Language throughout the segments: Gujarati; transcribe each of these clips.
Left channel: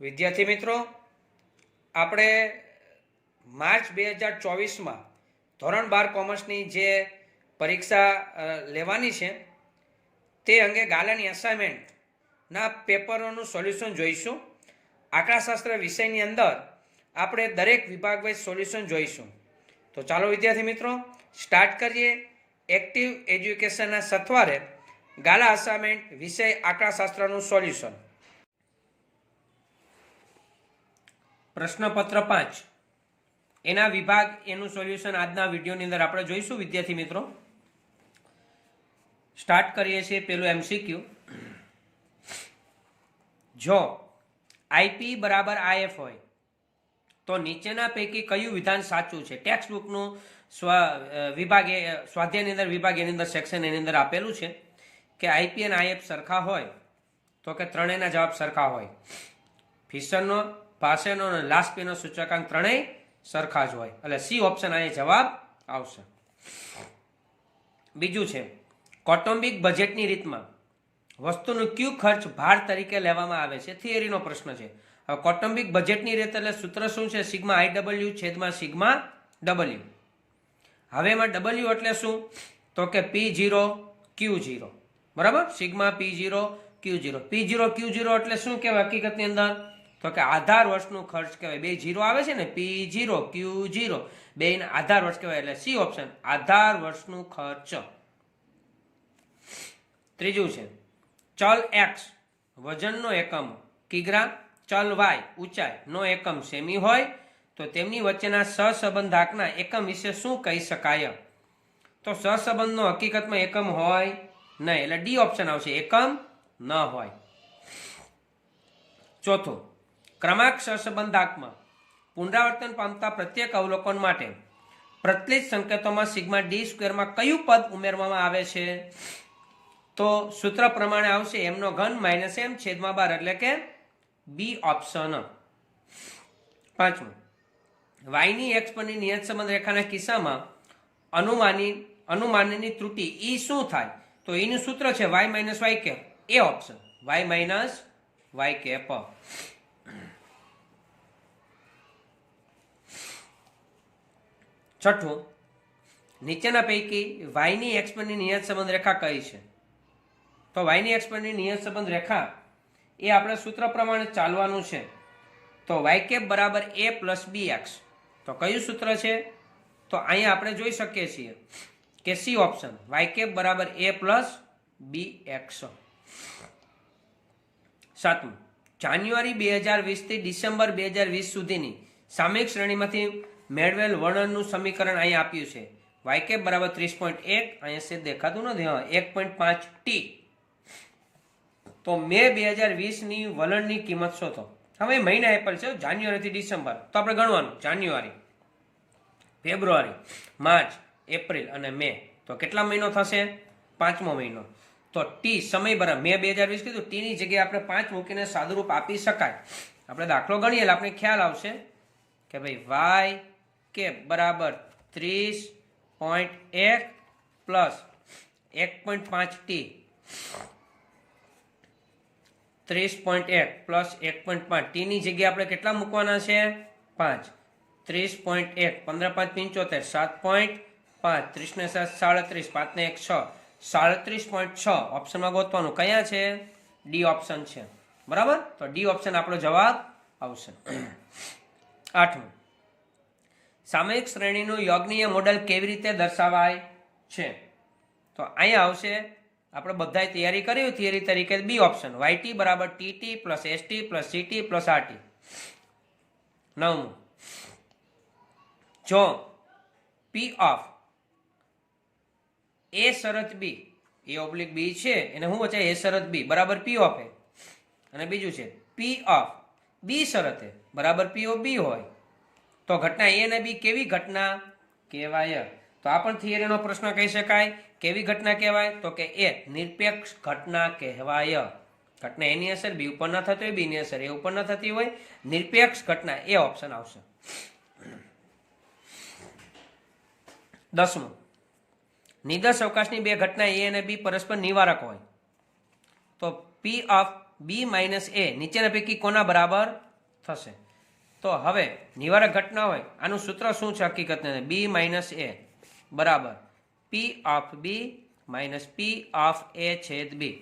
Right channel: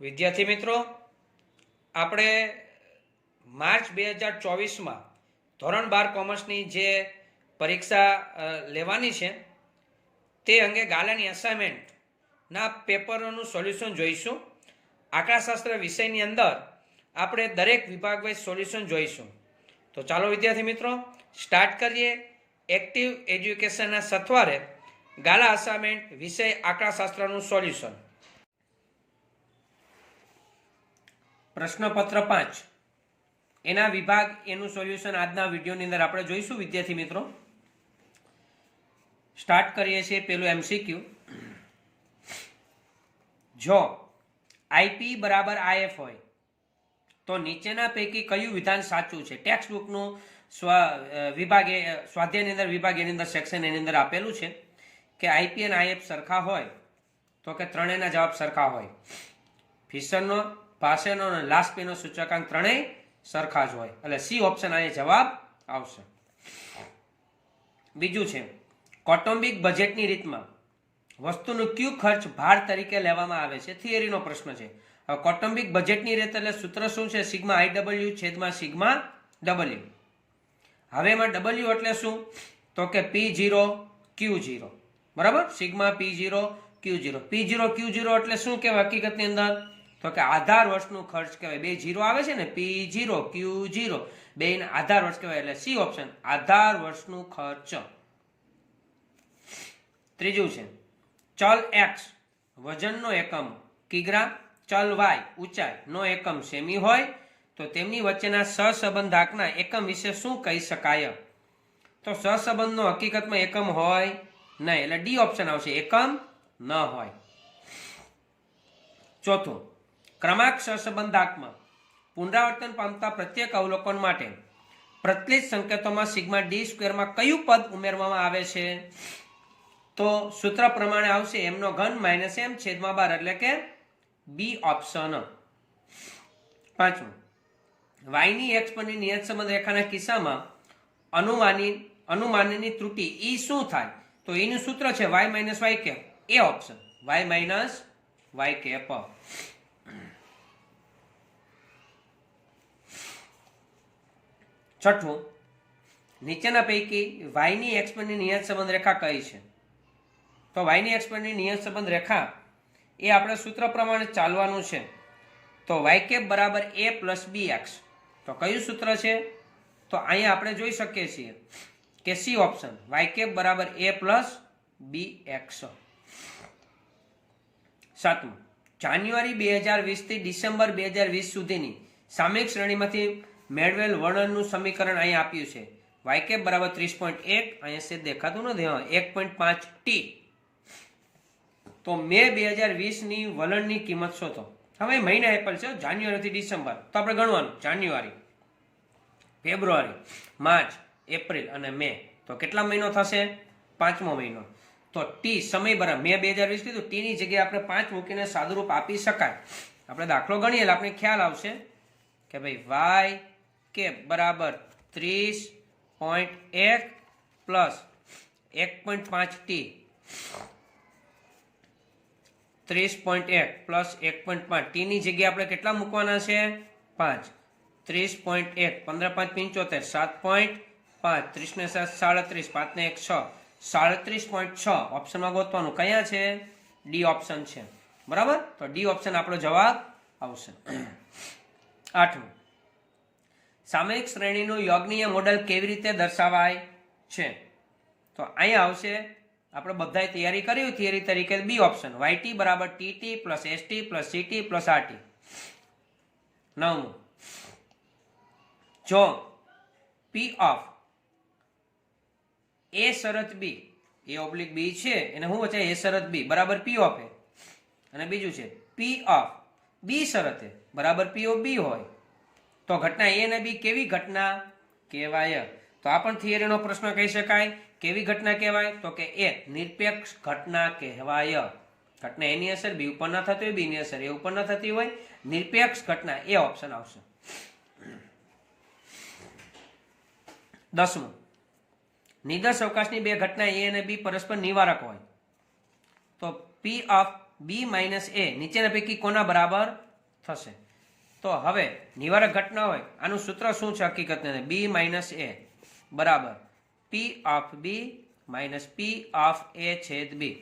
વિદ્યાર્થી મિત્રો, આપણે માર્ચ 2024માં ધોરણ 12 કોમર્સની જે પરીક્ષા લેવાની છે તે અંગે ગાલાની અસાઇનમેન્ટના પેપરોનું સોલ્યુશન જોઈશું. આંકડાશાસ્ત્ર વિષયની અંદર આપણે દરેક વિભાગ વાઇઝ સોલ્યુશન જોઈશું. તો ચાલો વિદ્યાર્થી મિત્રો સ્ટાર્ટ કરીએ. એક્ટિવ એજ્યુકેશનના સથવારે ગાલા અસાઇનમેન્ટ વિષય આંકડાશાસ્ત્રનું સોલ્યુશન. પ્રશ્નપત્ર 5 એના વિભાગ એનું સોલ્યુશન આજના વિડીયોની અંદર આપણે જોઈશું. વિદ્યાર્થી મિત્રો સ્ટાર્ટ કરીએ છીએ. પેલું એમસીક્યુ, જો આઈપી બરાબર આઈએફ હોય તો નીચેના પૈકી કયું વિધાન સાચું છે? ટેક્સ્ટ બુકનું વિભાગ સ્વાધ્યાયની અંદર વિભાગ એની અંદર સેક્શન એની અંદર આપેલું છે કે આઈપી અને આઈએફ સરખા હોય તો કે ત્રણેયના જવાબ સરખા હોય. ફિશરનો, પાસેનો અને લાસ્ટ પેનો સૂચકાંક ત્રણેય સરખા જ હોય, એટલે સી ઓપ્શન આ જવાબ આવશે. બીજું છે, કૌટુંબિક બજેટની રીતમાં વસ્તુનું કયું ખર્ચ ભાર તરીકે લેવામાં આવે છે? થિયરીનો પ્રશ્ન છે. હવે કૌટુંબિક બજેટની રીત એટલે સૂત્ર શું છે? સિગ્મા આઈડબલ્યુ છેદમાં સિગ્મા ડબલ્યુ. હવે એમાં ડબલ્યુ એટલે શું? તો કે P0 Q0, બરાબર? Sigma P0 Q0. P0 Q0 એટલે શું કહેવાય હકીકતની અંદર? તો કે આધાર વર્ષનું ખર્ચ કહેવાય. બે જીરો આવે છે ને, P0 Q0, બેના આધાર વર્ષ કહેવાય, એટલે સી ઓપ્શન આધાર વર્ષનું ખર્ચ. ત્રીજું છે, ચલ x વજનનો એકમ કિગ્રા, ચલ y ઊંચાઈનો એકમ સેમી હોય તો તેમની વચ્ચેના સહસંબંધાંકના એકમ વિશે શું કહી શકાય? તો સહસંબંધનો હકીકતમાં એકમ હોય નહીં, એટલે ડી ઓપ્શન આવશે, એકમ ન હોય. ચોથું, ક્રમાંક સહસંબંધાંકમાં પુનરાવર્તન પામતા પ્રત્યેક અવલોકન માટે પ્રચલિત સંકેતોમાં સિગ્મા ડી સ્ક્વેરમાં કયું પદ ઉમેરવામાં આવે છે? તો સૂત્ર પ્રમાણે આવશે એમનો ઘન માઇનસ એમ છેદમાં 12, એટલે કે બી ઓપ્શન. પાંચમું, વાયની એક્સ પરની નિયત સંબંધ રેખાના કિસ્સામાં અનુમાનની ત્રુટિ ઈ શું થાય? તો એનું સૂત્ર છે Y minus Y cap, A option Y minus Y cap. છઠ્ઠું, નીચેના પૈકી વાયની એક્સ પરની નિયત સંબંધ રેખા કઈ છે? તો વાયની એક્સ પરની નિયત સંબંધ રેખા એ આપણે સૂત્ર પ્રમાણે ચાલવાનું છે. તો વાય કેપ બરાબર એ પ્લસ બી એક્સ. તો કયું સૂત્ર છે? તો અહીંયા આપણે જોઈ શકીએ છીએ કે સી ઓપ્શન વાય કેપ બરાબર એ પ્લસ બી એક્સ. સાતમું, જાન્યુઆરી 2020 થી ડિસેમ્બર 2020 સુધીની સામયિક શ્રેણીમાંથી મેળવેલ વર્ણનનું સમીકરણ અહીંયા આપ્યું છે. વાય કેપ બરાબર 30.1, અહીંયા છે દેખાતું નથી, 1.5 ટી. તો મે 2020ની વલણની કિંમત શોધો. હવે મહિના એપલ છે, જાન્યુઆરીથી ડિસેમ્બર, તો આપણે ગણવાનું જાન્યુઆરી, ફેબ્રુઆરી, માર્ચ, એપ્રિલ અને મે. તો કેટલા મહિનો થશે? 5મો મહિનો. તો ટી સમય બરાબર મે 2020 કીધું, ટીની જગ્યાએ આપણે 5 મૂકીને સાદુરૂપ આપી શકાય. આપણે દાખલો ગણીએ એટલે આપણે ખ્યાલ આવશે કે ભાઈ વાય કેપ બરાબર 30.1 પ્લસ 1.5 ટી, 30.1 પ્લસ 1.5 ટીની જગ્યાએ આપણે કેટલા મૂકવાના છે? 5. 30.1 15 5 75, 7.5, 30 ને 7 37, 5 ને 1 6, 37.6 ઓપ્શનમાં ગોતવાનું. કયા છે? ડી ઓપ્શન છે, બરાબર? તો ડી ઓપ્શન આપણો જવાબ આવશે. 8મું, સામયિક શ્રેણીનું યોગનીય મોડેલ કેવી રીતે દર્શાવાય છે? તો અહીંયા આવશે, આપણે બધાએ તૈયારી કરી થિયરી તરીકે બી ઓપ્શન વાયટી બરાબર TT plus ST plus CT plus RT. 9મું, જો પી ઓફ એ શરત બી, એ ઓબ્લિક બી છે એને શું વચ્ચે એ શરત બી બરાબર પી ઓફ એ, અને બીજું છે પી ઓફ બી શરત એ બરાબર પી ઓફ બી હોય તો ઘટના એ અને બી કેવી ઘટના કહેવાય? તો આ પણ થિયરીનો પ્રશ્ન કહી શકાય. કેવી ઘટના કહેવાય? તો કે એ નિરપેક્ષ ઘટના કહેવાય. ઘટના એની અસર બી ઉપર ના થતી હોય, બી ની અસર એ ઉપર ના થતી હોય, નિરપેક્ષ ઘટના, એ ઓપ્શન આવશે. 10મું, નિદર્શ અવકાશની બે ઘટના એ અને બી પરસ્પર નિવારક હોય તો પી ઓફ બી માઇનસ એ નીચેના પૈકી કોના બરાબર થશે. તો હવે નિવારક ઘટના હોય આનું સૂત્ર શું છે હકીકતને? બી માઇનસ એ બરાબર P of B minus P of A છેદ બી.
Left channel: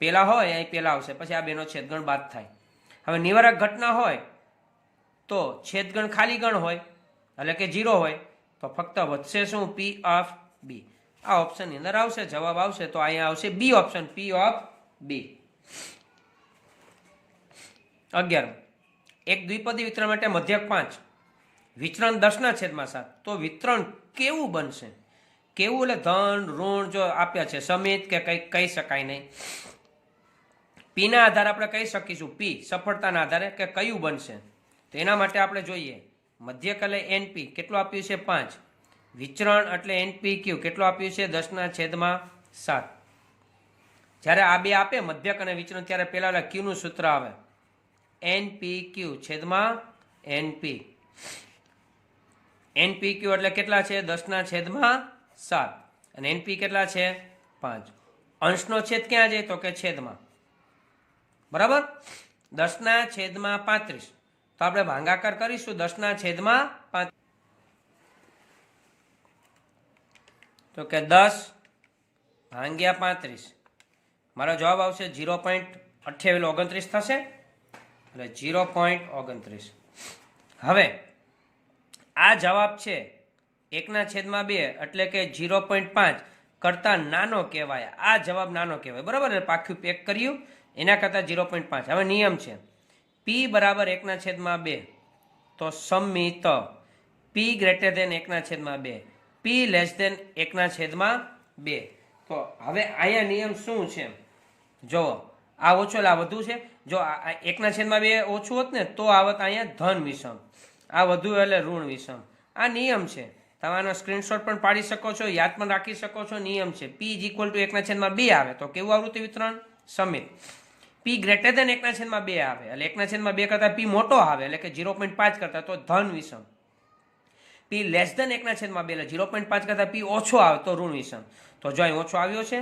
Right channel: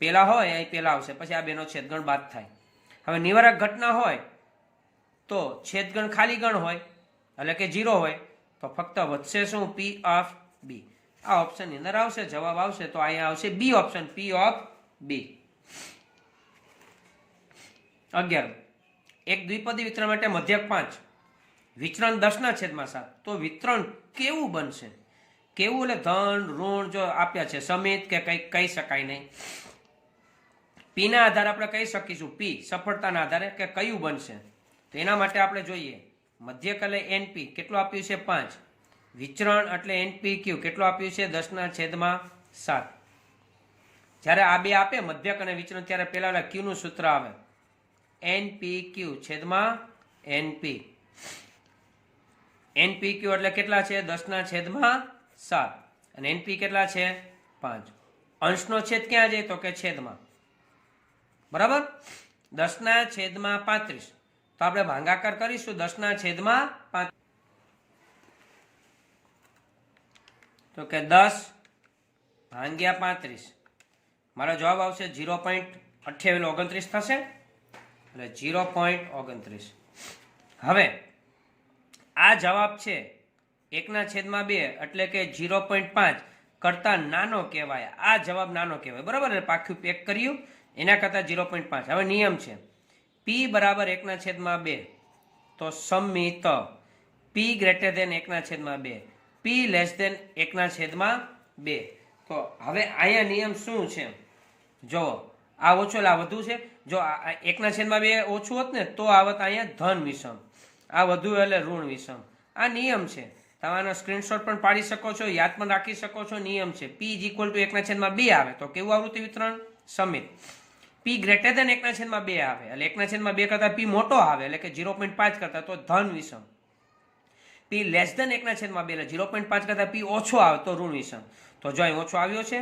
પેલા હોય અહીં પેલા આવશે, પછી આ બેનો છેદગણ બાદ થાય. હવે નિવારક ઘટના હોય તો છેદગણ ખાલી ગણ હોય એટલે કે 0 હોય, તો ફક્ત વધશે શું? P of B. આ ઓપ્શનની અંદર આવશે, જવાબ આવશે તો અહીંયા આવશે બી ઓપ્શન, પી ઓફ બી. 11. એક દ્વિપદી વિતરણ માટે મધ્યક 5, વિચરણ 10/7. તો વિતરણ કેવું બનશે? કેવું એટલે ધન ઋણ જો આપ્યા છે સમિત કે કંઈક કહી શકાય નહીં. પી ના આધારે આપણે કહી શકીશું, પી સફળતાના આધારે કે કયું બનશે. તો એના માટે આપણે જોઈએ મધ્યક એટલે એનપી કેટલું આપ્યું છે? 5. વિચરણ એટલે એનપી ક્યુ કેટલું આપ્યું છે? 10/7. જ્યારે આ બે આપે મધ્યક અને વિચરણ ત્યારે પેલા ક્યુ નું સૂત્ર આવે એનપી ક્યુ છેદમાં એનપી. એનપી ક્યુ એટલે કેટલા છે? 10/7 અને એનપી કેટલા છે? 5. અંશનો છેદ ક્યાં જાય? તો કે છેદમાં. બરાબર 10/35. તો આપણે ભાગાકાર કરીશું 10/5. તો કે 10/35. મારો જવાબ આવશે 0.2829 થશે એટલે 0.29. હવે આ જવાબ છે 1/2 એટલે કે 0.5 કરતા નાનો કહેવાય. આ જવાબ નાનો કહેવાય બરાબર ને? પાક્યું પેક કર્યું એના કરતા 0.5. હવે નિયમ છે પી બરાબર 1/2 તો સમિત પી ગ્રેટર ધેન 1/2 પી લેસ ધેન 1/2. તો હવે અહીંયા નિયમ શું છે? જો આ ઓછો આ વધુ છે. જો 1/2 ઓછું હોત ને તો આવત અહીંયા ધન વિષમ, આ વધુ એટલે ઋણ વિષમ. આ નિયમ છે, તમારો સ્ક્રીનશોટ પણ પાડી શકો છો, યાદ પણ રાખી શકો છો. નિયમ છે પી ઇઝ ઇક્વલ ટુ 1/2 આવે તો કેવું આવૃત્તિ વિતરણ? સમિત. પી ગ્રેટર ધેન 1/2 આવે એટલે 1/2 કરતા પી મોટો આવે એટલે કે 0.5 કરતા તો ધન વિષમ. પી લેસ ધેન 1/2 એટલે 0.5 કરતા પી ઓછો આવે તો ઋણ વિષમ. તો જો અહીં ઓછો આવ્યો છે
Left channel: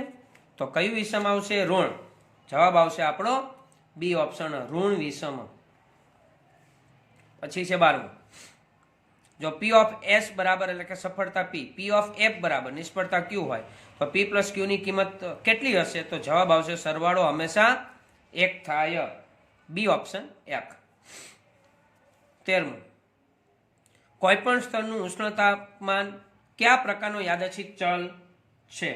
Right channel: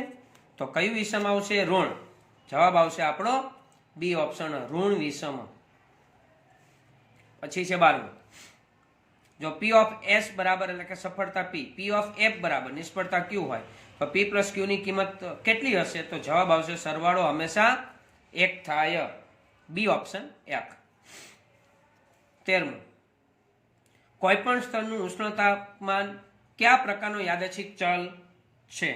તો કયું વિષમ આવશે? ઋણ. જવાબ આવશે આપણો બી ઓપ્શન, ઋણ વિષમ. પછી છે 12. જો પી ઓફ એસ બરાબર એટલે કે સફળતા પી, પી ઓફ એફ બરાબર નિષ્ફળતા ક્યુ હોય તો પી પ્લસ ક્યુ ની કિંમત કેટલી હશે? તો જવાબ આવશે સરવાળો હંમેશા 1 થાય. B option 1. 13. કોઈ પણ સ્તરનું ઉષ્ણ તાપમાન કયા પ્રકારનો યાદચ્છિક ચલ છે?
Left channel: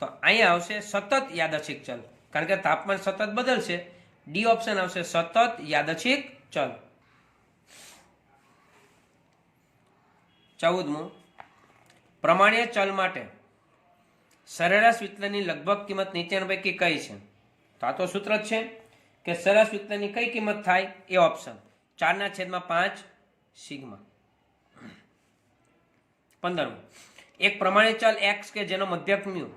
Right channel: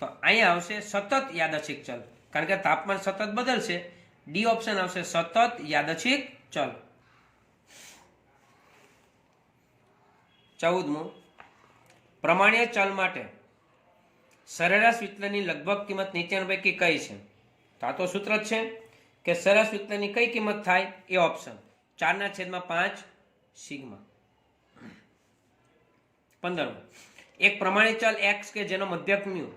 તો અહીંયા આવશે સતત યાદચ્છિક ચલ, કારણ કે તાપમાન સતત બદલશે. ડી ઓપ્શન આવશે સતત યાદચ્છિક ચલ. 14. પ્રમાણ્ય ચલ માટે સરેરાશ વિચલનની લગભગ કિંમત નીચેના પૈકી કઈ છે? તો આ તો સૂત્ર જ છે કે સરેરાશ વિચલનની કઈ કિંમત થાય? એ ઓપ્શન 4/5 સિગ્મા. 15. એક પ્રમાણિત ચલ x કે જેનો મધ્યક મ્યુ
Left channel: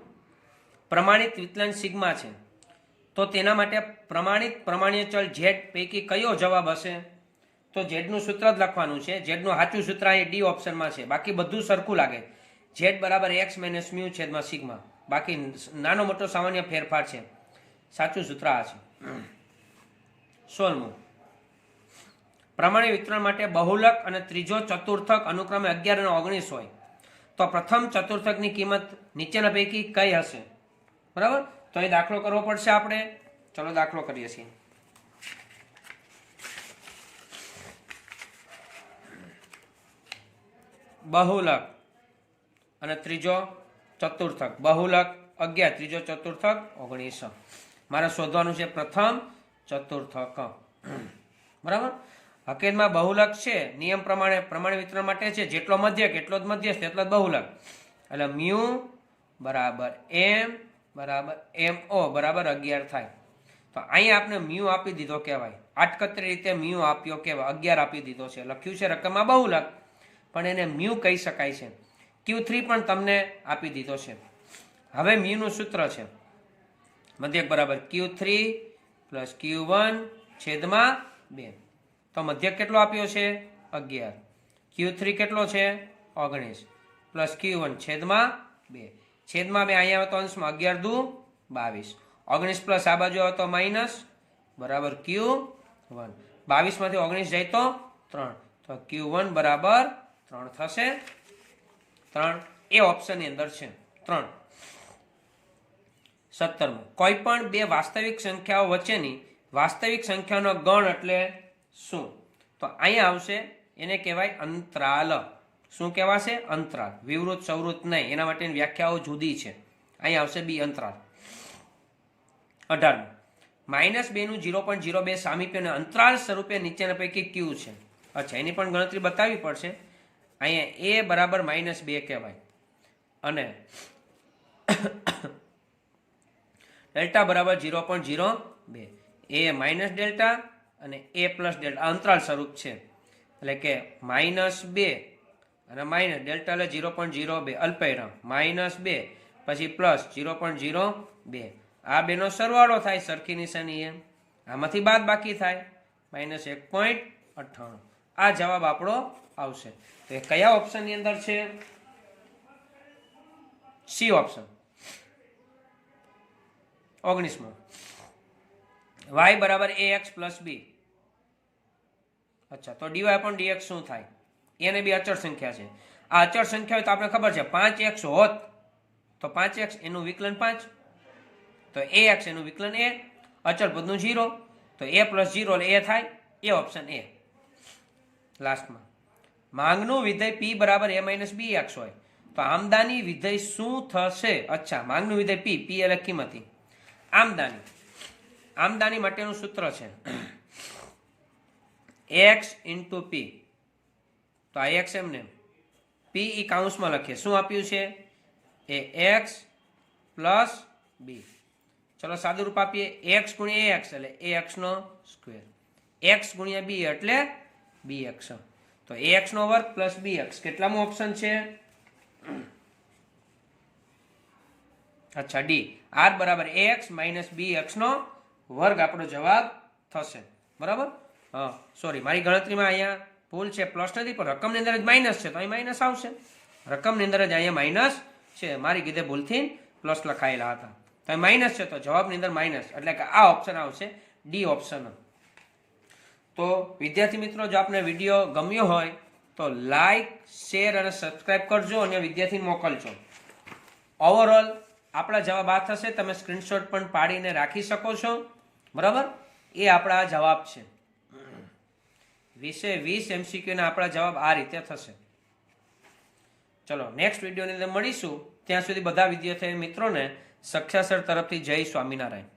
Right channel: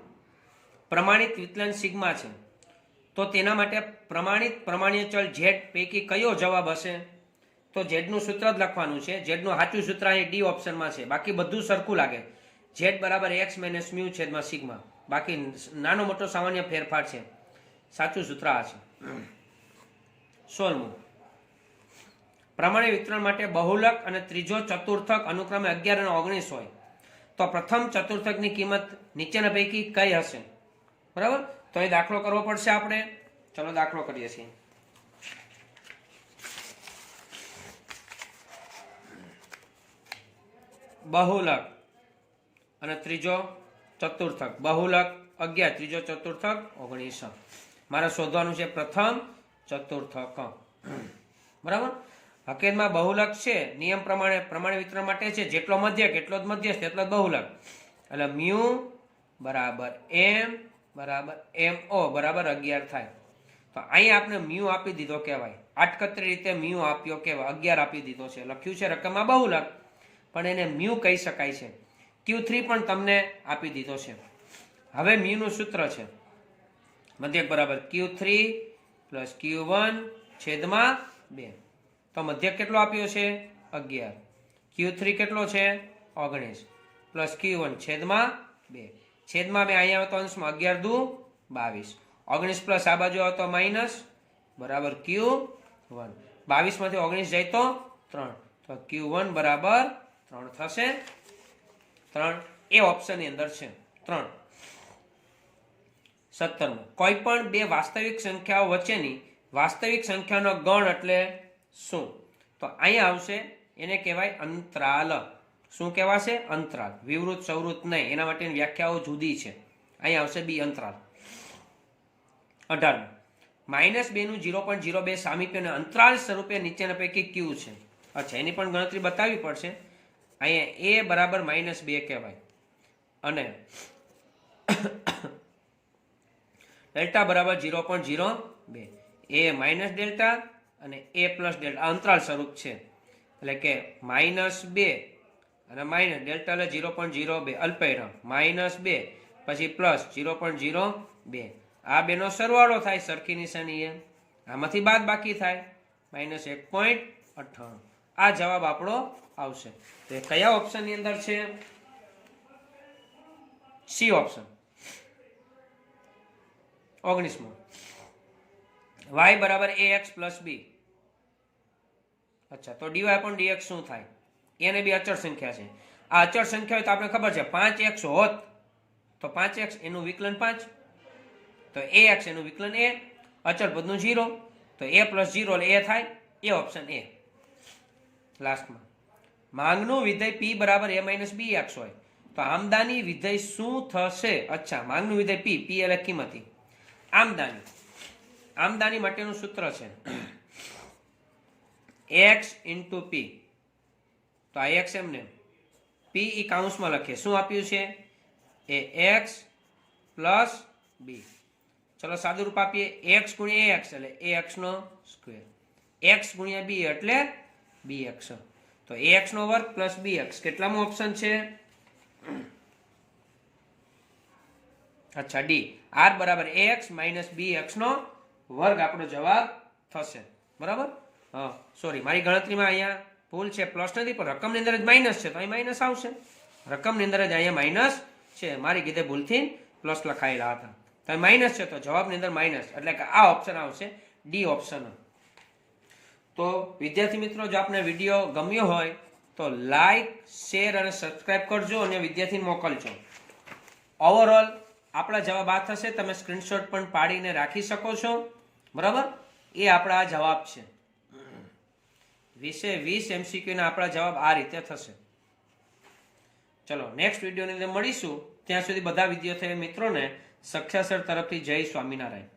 પ્રમાણિત વિચલન સિગ્મા છે તો તેના માટે પ્રમાણિત ચલ z પૈકી કયો જવાબ હશે? તો z નું સૂત્ર જ લખવાનું છે. z નું સાચું સૂત્ર અહીં ડી ઓપ્શનમાં છે, બાકી બધું સરખું લાગે. z બરાબર x માઇનસ મ્યુ છેદમાં સિગ્મા, બાકી નાનો મોટો સામાન્ય ફેરફાર છે. સાચું સૂત્ર આ છે. 16. પ્રમાણિત વિતરણ માટે બહુલક અને ત્રીજો ચતુર્થક અનુક્રમે 11 અને 19 હોય તો પ્રથમ ચતુર્થકની કિંમત નીચેના પૈકી કઈ હશે? બરાબર, તો અહીં દાખલો કરવો પડશે આપણે. ચલો દાખલો કરીએ છીએ. બહુલક અને ત્રીજો ચતુર્થક. બહુલક 11, ત્રીજો ચતુર્થક 19. મારે શોધવાનું છે પ્રથમ ચતુર્થક. બરાબર, હકીકતમાં બહુલક છે નિયમ પ્રમાણે પ્રમાણિત વિતરણ માટે છે જેટલો મધ્યક એટલો જ મધ્યસ્થ એટલો જ બહુલક. એટલે મ્યુ બરાબર એમ બરાબર MO બરાબર 11 થાય. તો અહીંયા આપણે મ્યુ આપી દીધો કહેવાય, આટકતરી રીતે મ્યુ આપ્યો કહેવાય, 11 આપી દીધો છે. લખ્યું છે રકમમાં બહુલક પણ એને મ્યુ કહી શકાય છે. Q3 પણ તમને આપી દીધો છે. હવે મ્યુ નું સૂત્ર છે મધ્યક બરાબર Q3 પ્લસ Q1 છેદમાં 2. તો મધ્યક કેટલો આપ્યો છે? 11. Q3 કેટલો છે? 19 પ્લસ Q1 છેદમાં 2. છેદમાં 2 અહીંયા આવે તો અંશમાં 11 દુ 22. 19 પ્લસ આ બાજુ આવે તો માઇનસ બરાબર Q1. 22 માંથી 19 જાય તો 3, તો Q1 બરાબર 3 થશે. 3 એ ઓપ્શન ની અંદર છે. 3. 17. કોઈ પણ બે વાસ્તવિક સંખ્યાઓ વચ્ચેની વાસ્તવિક સંખ્યાનો ગણ એટલે શું? તો અહીંયા આવશે, એને કહેવાય અંતરાલ. શું કહેવાશે? અંતરાલ. વિવૃત સવૃત નહીં, એના માટેની વ્યાખ્યાઓ જુદી છે. અહીંયા આવશે બી, અંતરાલ. 18. -2 નું 0.02 સામીપ્યને અંતરાલ સ્વરૂપે નીચેના પૈકી કયું છે? અચ્છા, એની પણ ગણતરી બતાવવી પડશે. અહીંયા a બરાબર -2 કહેવાય અને ડેલ્ટા બરાબર 0.02. એ માઇનસ ડેલ્ટા અને એ પ્લસ ડેલ્ટા અંતરાલ સ્વરૂપ છે. એટલે કે -2 અને માઇનસ ડેલ્ટા એટલે 0.02 અલ્પવિરામ -2 પછી પ્લસ 0.02. આ બેનો સરવાળો થાય સરખી નિશાની એમ, આમાંથી બાદ બાકી થાય -1.98. આ જવાબ આપણો આવશે. તો એ કયા ઓપ્શનની અંદર છે? C option. 19. y બરાબર ax પ્લસ b. અચ્છા, તો dy પણ dx શું થાય? એને બી અચળ સંખ્યા છે. આ અચળ સંખ્યા હોય તો આપણે ખબર છે 5x હોત તો 5x એનું વિકલન 5, તો ax એનું વિકલન a, અચળ પદનું 0, તો a પ્લસ 0 એટલે a થાય. એ ઓપ્શન એ. લાસ્ટમાં માંગનું વિધેય p બરાબર a માઇનસ bx હોય તો આમદાની વિધેય શું થશે? અચ્છા, માંગનું વિધેય p એટલે કિંમતી. આમદાની માટેનું સૂત્ર છે x ઇન્ટુ p. તો આ x એમને p ઈ કાઉન્સમાં લખીએ. શું આપ્યું છે? એ x પ્લસ b. ચલો સાદું રૂપ આપીએ. x ગુણ્યા ax એટલે ax નો સ્ક્વેર, x ગુણ્યા b એટલે bx. તો ax નો વર્ગ પ્લસ bx કેટલામો ઓપ્શન છે? અચ્છા, ડી. r બરાબર ax માઇનસ bx નો વર્ગ આપણો જવાબ થશે. બરાબર? હા, સોરી, મારી ગણતરીમાં અહીંયા ભૂલ છે, પ્લસ નથી, પણ રકમની અંદર જ માઇનસ છે તો અહીં માઇનસ આવશે. રકમની અંદર જ અહીંયા માઇનસ છે, મારી કીધે ભૂલથી પ્લસ લખાયેલા હતા, તો માઇનસ છે તો જવાબની અંદર માઇનસ, એટલે કે આ ઓપ્શન આવશે, ડી ઓપ્શન. તો વિદ્યાર્થી મિત્રો, જો આપને વિડીયો ગમ્યો હોય તો લાઈક, શેર અને સબસ્ક્રાઇબ કરજો અને વિદ્યાર્થીને મોકલજો. ઓવરઓલ આપણા જવાબ આ થશે. તમે સ્ક્રીનશોટ પણ પાડીને રાખી શકો છો. બરાબર? એ આપણા જવાબ છે. 20 MCQ ના આપણા જવાબ આ રીતે થશે. ચલો નેક્સ્ટ વિડીયોની અંદર મળીશું. ત્યાં સુધી બધા વિદ્યાર્થી મિત્રોને સક્ષા સર તરફથી જય સ્વામિનારાયણ.